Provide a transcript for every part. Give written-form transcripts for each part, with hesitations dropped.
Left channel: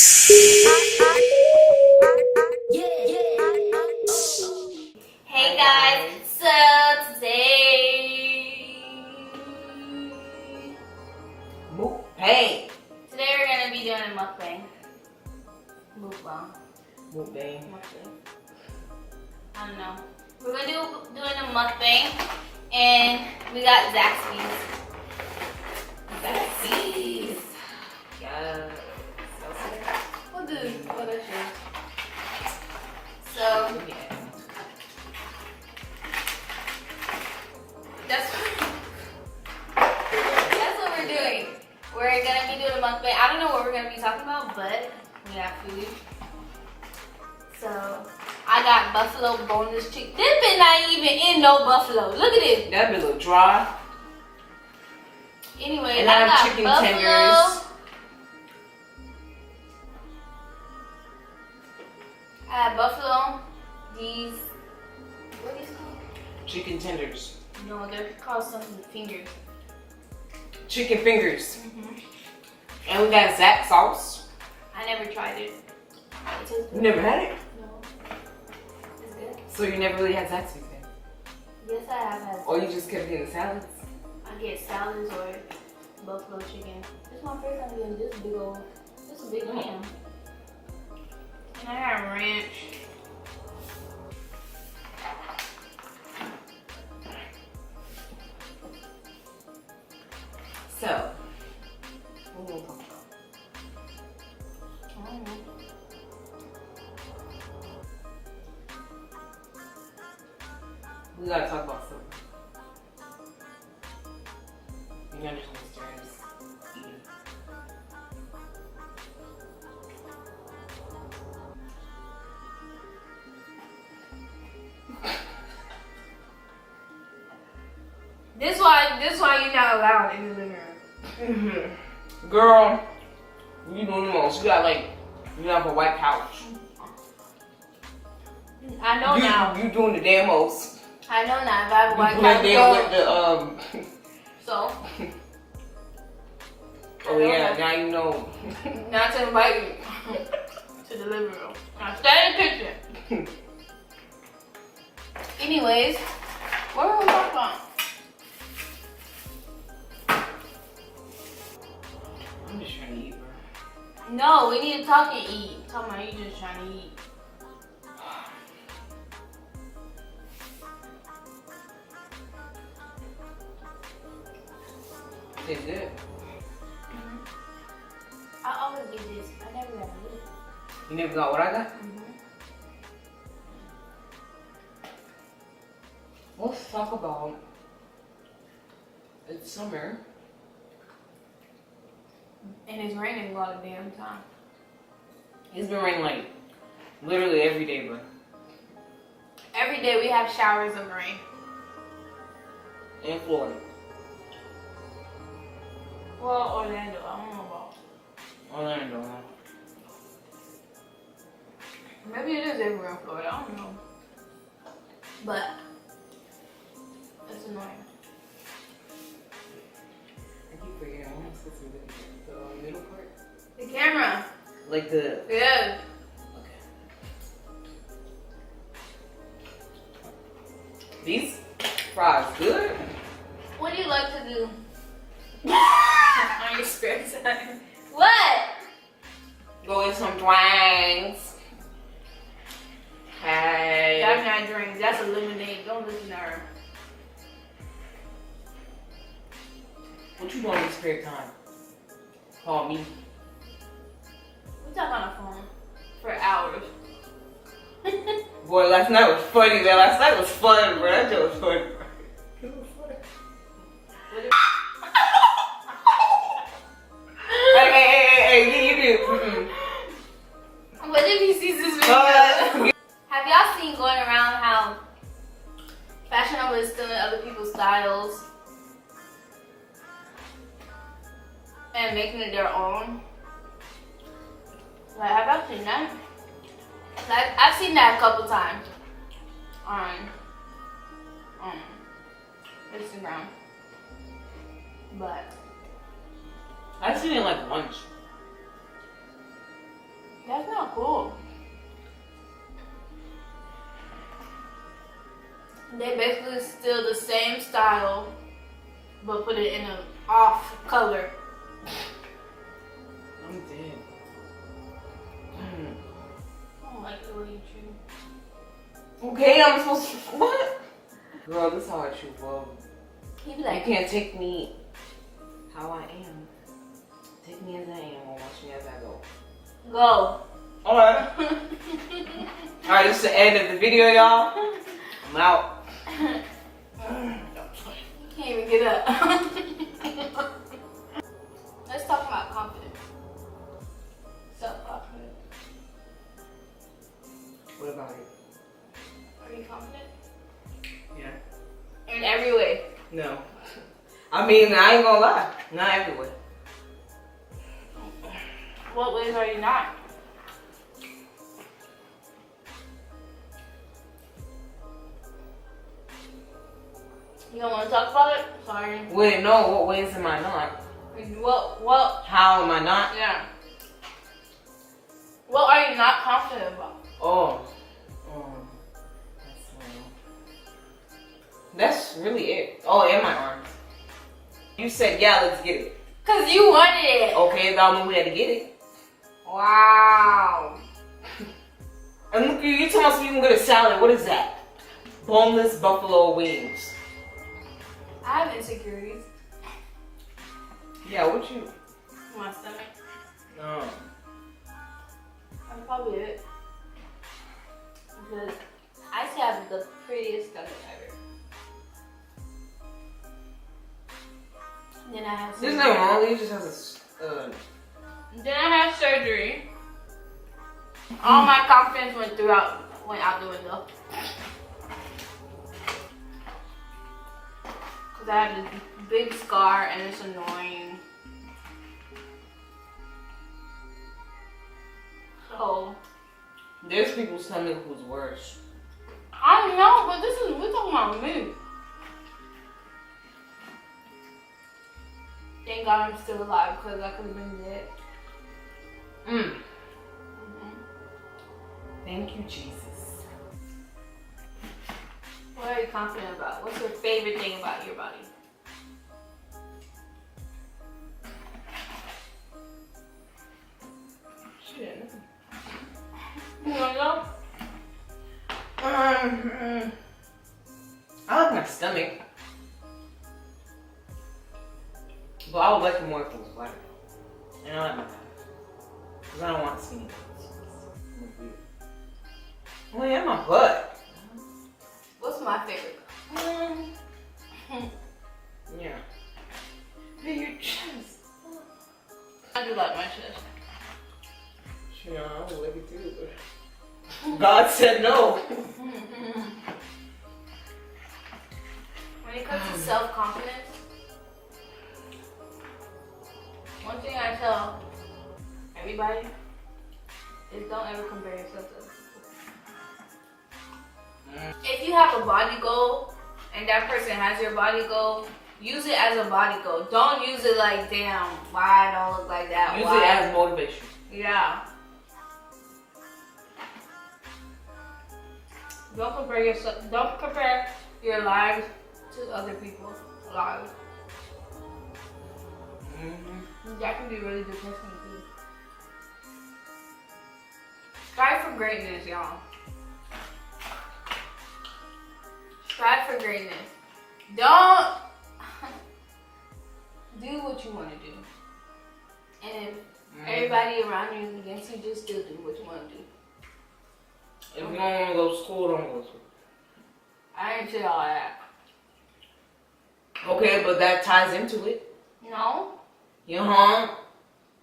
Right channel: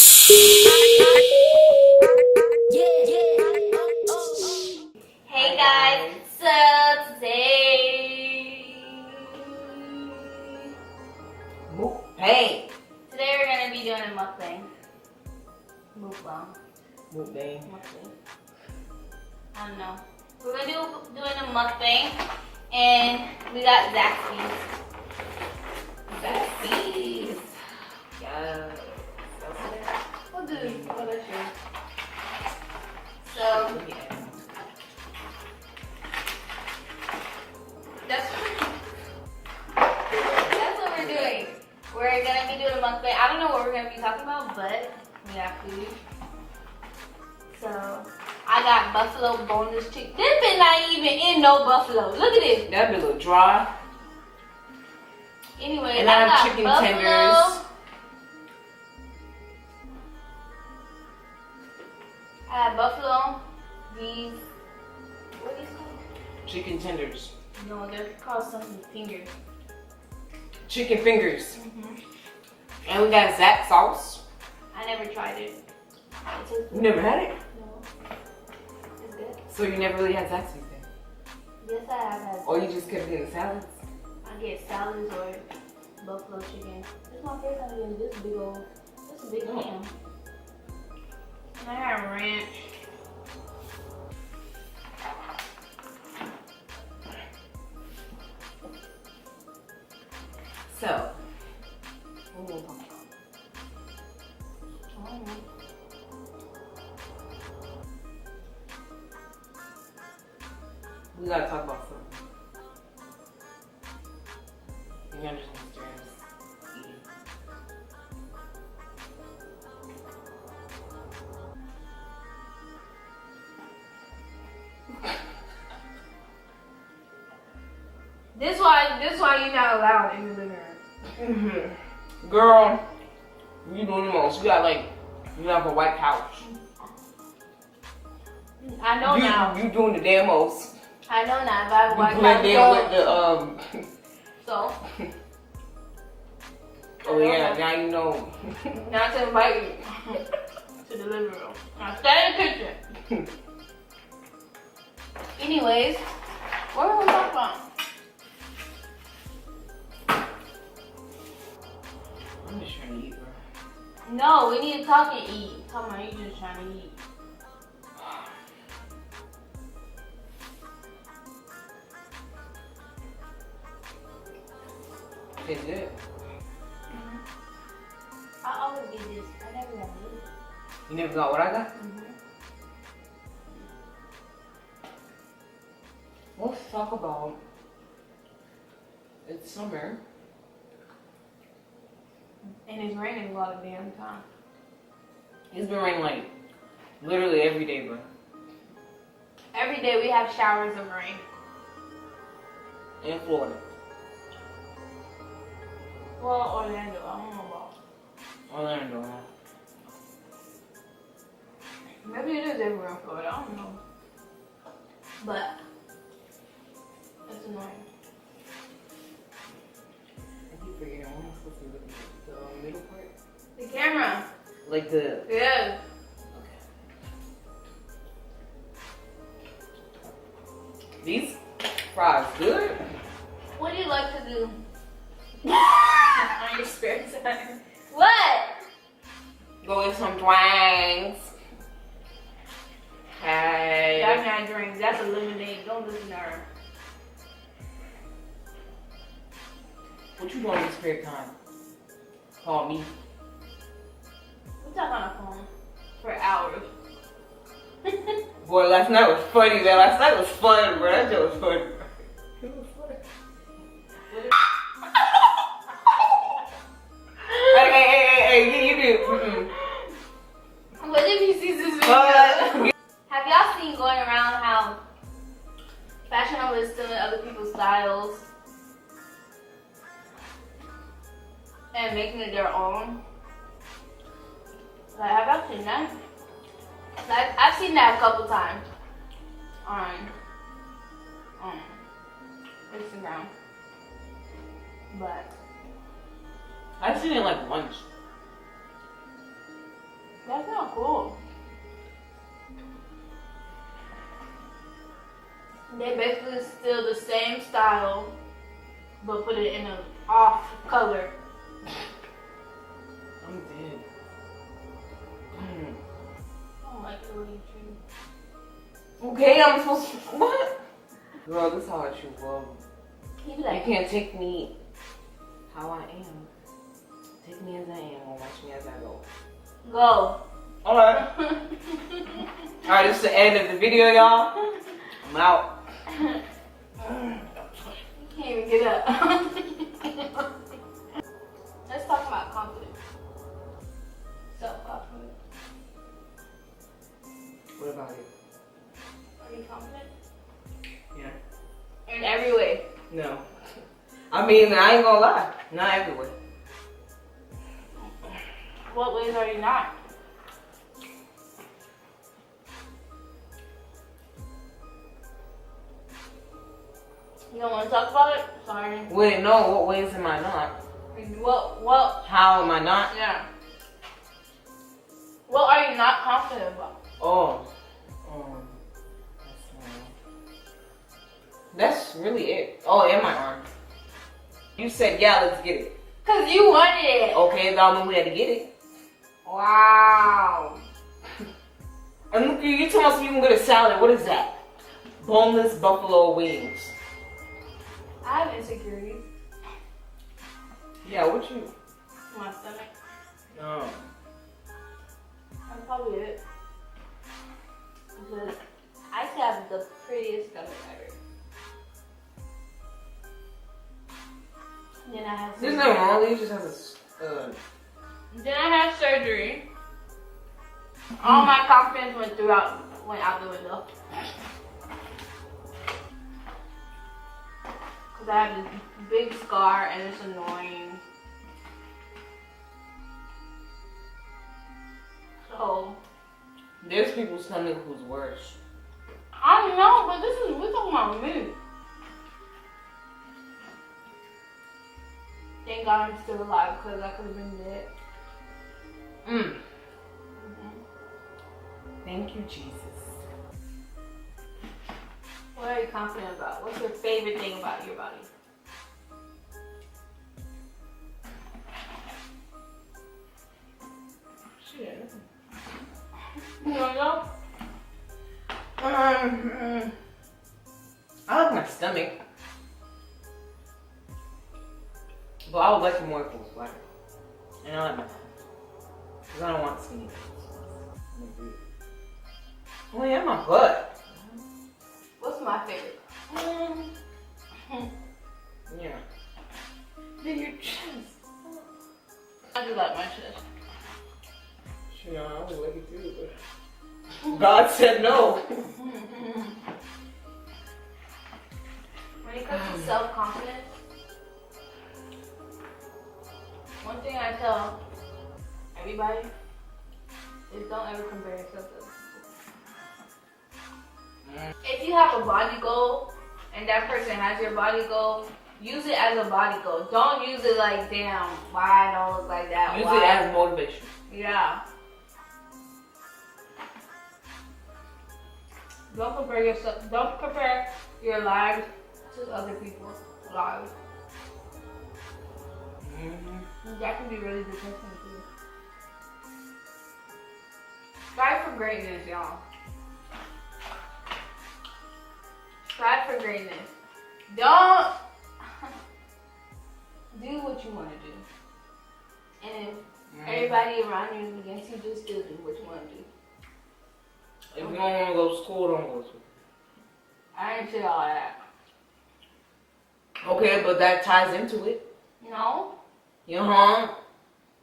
Hey guys, so today we're gonna be doing a mukbang. Mukbang. I don't know. We're gonna doing a mukbang, and we got ZAXBY'S. Yes. We'll do other shit. So that's what we're doing. We're gonna be doing a mukbang. I don't know what we're gonna be talking about, but we got food. So I got buffalo boneless chicken. This bit not even in no buffalo. Look at this. That bit look dry. Anyway, And I got have chicken buffalo. tenders. I have buffalo. These, what are these called? Chicken tenders. No, they're called something fingers. Chicken fingers. And we got Zax sauce. I never tried it. It tastes You good. never had it? No. It's good. So you never really had Zaxby's then? Yes, I have had. Or you just kept getting the salads? I get salads or buffalo chicken. This is my first time getting this big old, this is a big ham. And I got ranch. So, what we gonna talk about? I don't know. We gotta talk about something. You understand this terms eating. This why you're not allowed in the living room. Girl, you doing the most. You have a white couch. I know now. You doing the damn most. I know now. If I have a white You couch, blend in with the so. Oh yeah, now you know. Not to invite you to the living room. Now stay in the kitchen. Anyways, what are we gonna talk about? I'm just trying to eat, bro. No, we need to talk and eat. I'm talking about you just trying to eat. Tastes good. I always get this. I never got this. You never got what I got? Let's talk about. It's summer. And it's raining a lot of damn time. It's been raining like literally every day, bro. Every day we have showers of rain. In Florida. Well, Orlando, I don't know about. Orlando, huh? Maybe it is everywhere in Florida, I don't know. But it's annoying. I keep forgetting. What am I supposed to look at? The middle part? The camera. Like the. Yeah. Okay. These fries good. What do you like to do? On your spare time. What? Go get some dwangs. Hey. That's not drinks. That's a lemonade. Don't listen to her. What you doing in your spare time? Call me. We talk on the phone for hours. Boy, last night was funny, man. Last night was fun, bro. That shit was funny, bro. It was funny. Hey, you do. What if he sees this video? Have y'all seen going around how Fashion Nova is stealing other people's styles and making it their own? Like, have y'all seen that? Like, I've seen that a couple times on Instagram, but I've seen it like once. That's not cool. They basically steal the same style, but put it in an off color. I'm dead. I don't like it when you chew. Okay, I'm supposed to. What? Girl, this is how I chew, bro. He be You like, can't take me how I am. Take me as I am or watch me as I go. go. Alright. Alright, this is the end of the video, y'all. I'm out. You can't even get up. Let's talk about confidence. Self-confidence. What about it? Are you confident? Yeah. In every way. No. I mean, I ain't gonna lie. Not everywhere. What ways are you not? You don't want to talk about it? Sorry. Wait, no, what ways am I not? What? How am I not? Yeah. What are you not confident about? Oh. That's really it. Oh, and my arms. You said, yeah, let's get it. Cause you wanted it. Okay, that means we had to get it. Wow. And look, you told us we can get a salad. What is that? Boneless buffalo wings. I have insecurities. Yeah, what you? My stomach. No. That's probably it. Because I still have the prettiest stomach ever. Then I have surgery. There's nothing wrong. He just has a. Then I had surgery. All my confidence went out the window. Cause I have this big scar and it's annoying. So There's people's stomach who's worse. I don't know, but we're talking about me. Thank God I'm still alive because I could have been dead. Thank you, Jesus. What are you confident about? What's your favorite thing about your body? Shit. You wanna go? I like my stomach. But I would like it more if it was flatter. And I like my thighs. Because I don't want skinny thighs. Oh yeah, my butt. What's my favorite? Yeah. Hey, your chest. I do like my chest. Sure, I would like it too, but God said no. When it comes to self-confidence, one thing I tell everybody is don't ever compare yourself to other people. If you have a body goal and that person has your body goal, use it as a body goal. Don't use it like, damn, why I don't look like that? Use Why? it as motivation. Yeah. Don't compare yourself. Don't compare your lives to other people's lives. That can be really depressing too. Strive for greatness, y'all. Strive for greatness. Don't do what you want to do. And if everybody around you is against you, just still do what you want to do. If you don't want to go to school, don't go to school. I ain't say all that. Okay, but that ties into it. No.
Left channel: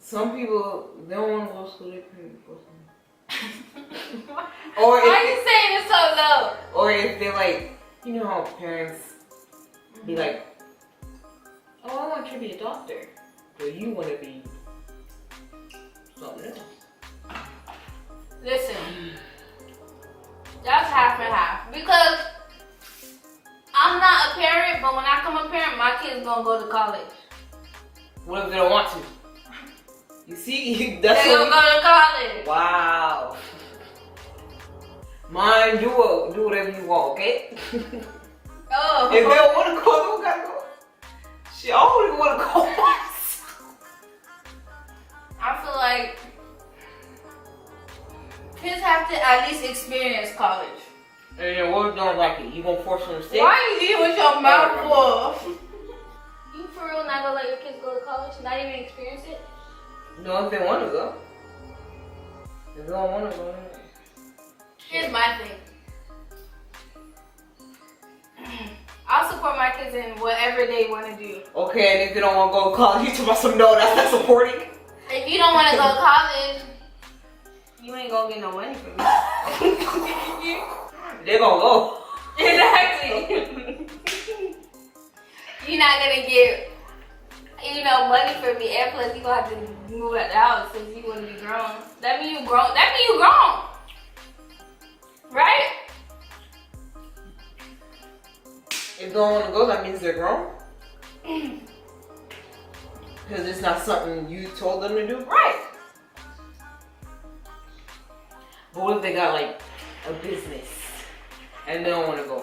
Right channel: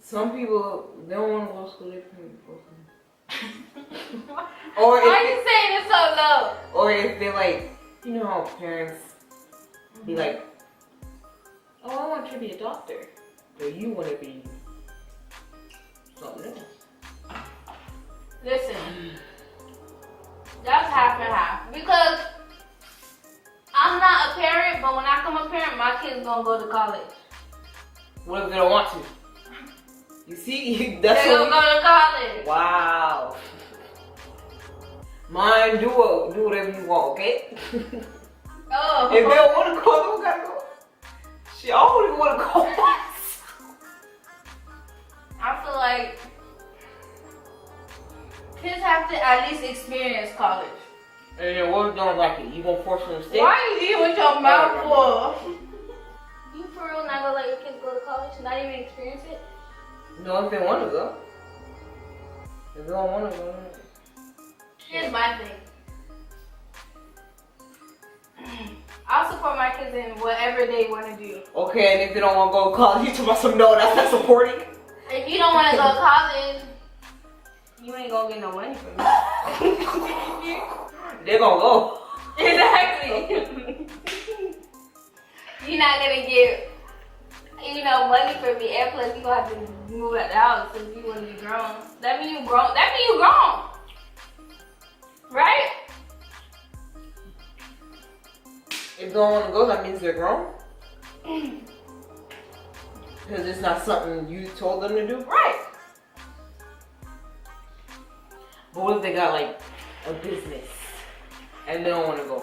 Some people, they don't want to go to school, they can't go to school. Why are you saying it so low? Or if they're like, you know how parents be like, oh, I want you to be a doctor. Or you want to be something else. Listen, that's half and half. Because I'm not a parent, but when I become a parent, my kid's gonna go to college. What if they don't want to? You see, that's They're gonna go to college. Wow. Mine, do whatever you want, okay? Oh. If they don't want to go, they don't gotta go. Shit, I don't want to go myself. I feel like kids have to at least experience college. And then what if they don't like it? You gonna force them to stay? Why are you eating with your mouth full? You for real not gonna let your kids go to college and not even experience it? No, if they want to go. If they don't want to go, no. Here's my thing. I'll support my kids in whatever they want to do. Okay, and if they don't want to go to college, you talking about some no, that's not supporting? If you don't want to go to college, you ain't gonna get no money from me. They're gonna go. Exactly. You're not gonna get, money from me, and plus you gonna have to move out the house since you wanna be grown. That mean you grown. That mean you grown, right? If they don't want to go, that means they're grown. Because it's not something you told them to do. Right. But what if they got like a business and they don't want to go?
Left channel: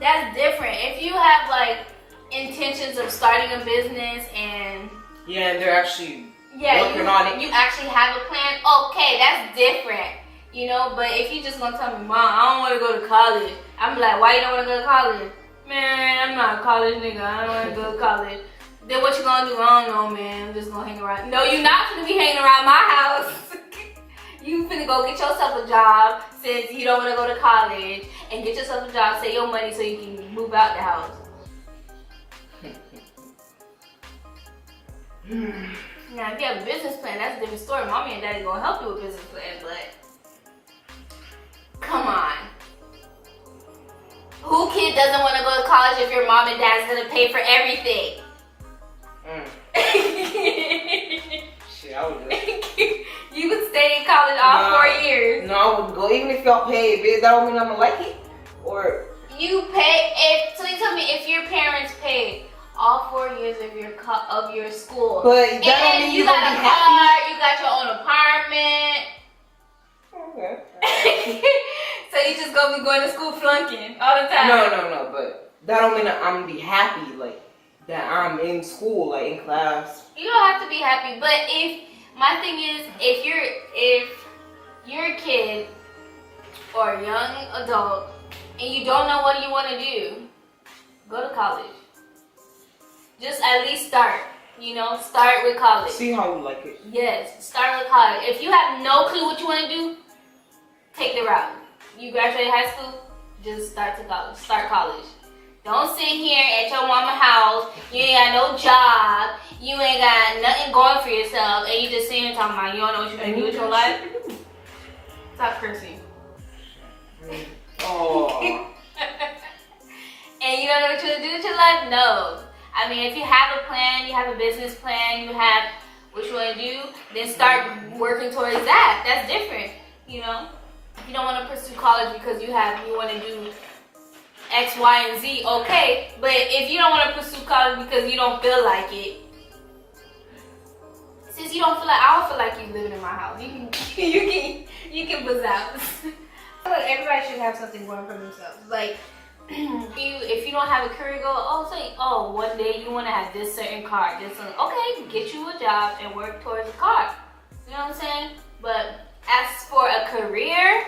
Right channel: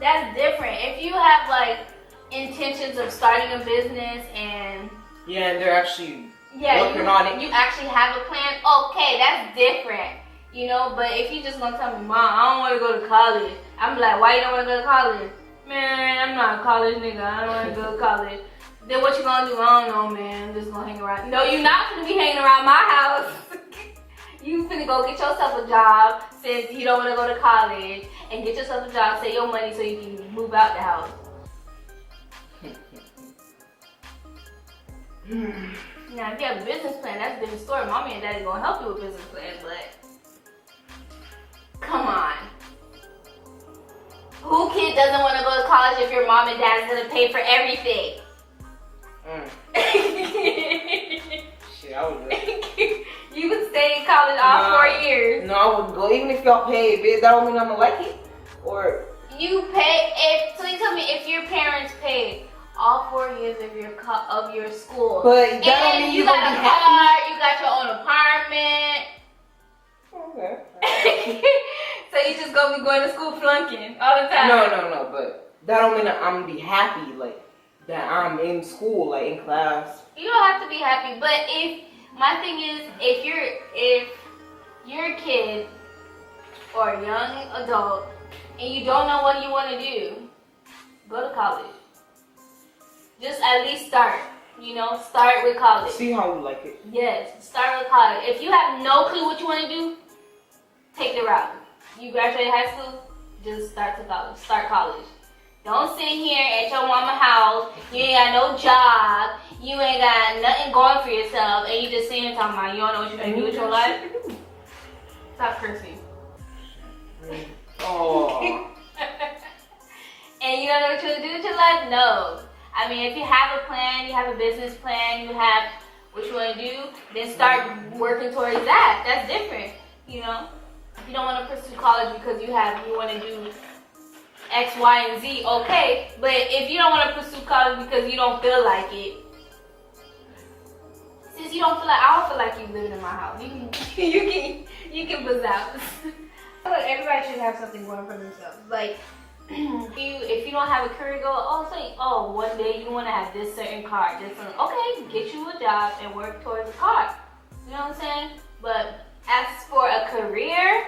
That's different. If you have like intentions of starting a business and and they're actually working on it. You actually have a plan. Okay, that's different. But if you just gonna tell me, Mom, I don't want to go to college, I'm like, why you don't want to go to college? Man, I'm not a college nigga. I don't want to go to college. Then what you gonna do? I don't know, man. I'm just gonna hang around. No, you're not gonna be hanging around my house. You finna go get yourself a job since you don't want to go to college and get yourself a job, save your money so you can move out the house. Now, if you have a business plan, that's a different story. Mommy and Daddy gonna help you with business plan, but come on. Who kid doesn't want to go to college if your mom and dad's gonna pay for everything? Shit, I would go. You would stay in college all 4 years. No, I wouldn't go. Even if y'all pay, bitch, that don't mean I'm gonna like it. Or you pay so you tell me if your parents paid all 4 years of your school. But that don't mean you you're got gonna a be car, happy. you got your own apartment. Okay. So you just gonna be going to school flunking all the time. No, but that don't mean that I'm gonna be happy, like that I'm in school, like in class. You don't have to be happy, but my thing is, if you're a kid or a young adult and you don't know what you want to do, go to college. Just at least start. Start with college. See how you like it. Yes, start with college. If you have no clue what you want to do, take the route. You graduate high school, just start college. Don't sit here at your mama's house. You ain't got no job. You ain't got nothing going for yourself, and you just sitting here talking about you don't know what you're gonna do with your life. Stop cursing. Oh. And you don't know what you're gonna do with your life? No. I mean, if you have a plan, you have a business plan, you have what you want to do, then start working towards that. That's different, If you don't want to pursue college because you want to do X, Y, and Z, okay. But if you don't want to pursue college because you don't feel like it, since you don't feel like, I don't feel like you living in my house. You can buzz out. I feel like everybody should have something going for themselves. Like, if you don't have a career goal, one day you want to have this certain car, okay, get you a job and work towards a car. You know what I'm saying? But as for a career,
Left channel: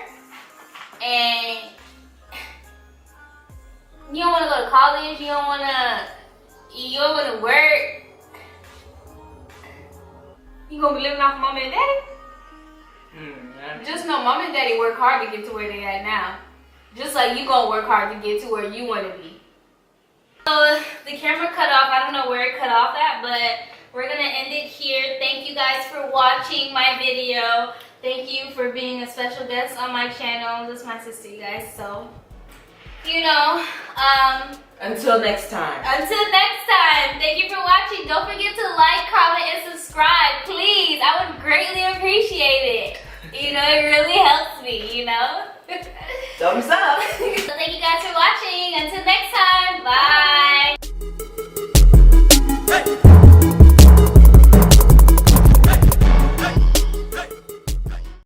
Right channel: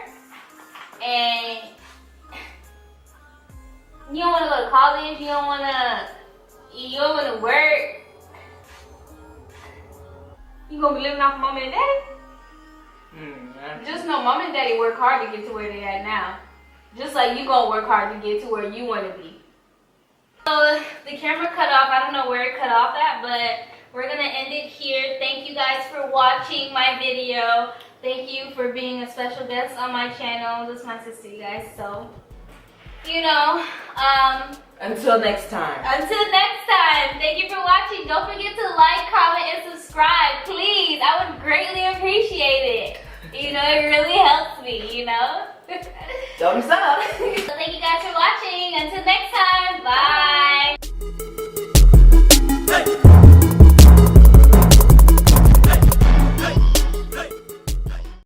and you don't want to go to college, you don't want to work, you gonna be living off mom and daddy? Just know mom and daddy work hard to get to where they at now. Just like you gonna work hard to get to where you want to be. So the camera cut off. I don't know where it cut off at, but we're gonna end it here. Thank you guys for watching my video. Thank you for being a special guest on my channel. This is my sister, you guys. So, until next time. Until next time. Thank you for watching. Don't forget to like, comment, and subscribe, please. I would greatly appreciate it. It really helps me, Thumbs up. So thank you guys for watching. Until next time. Bye.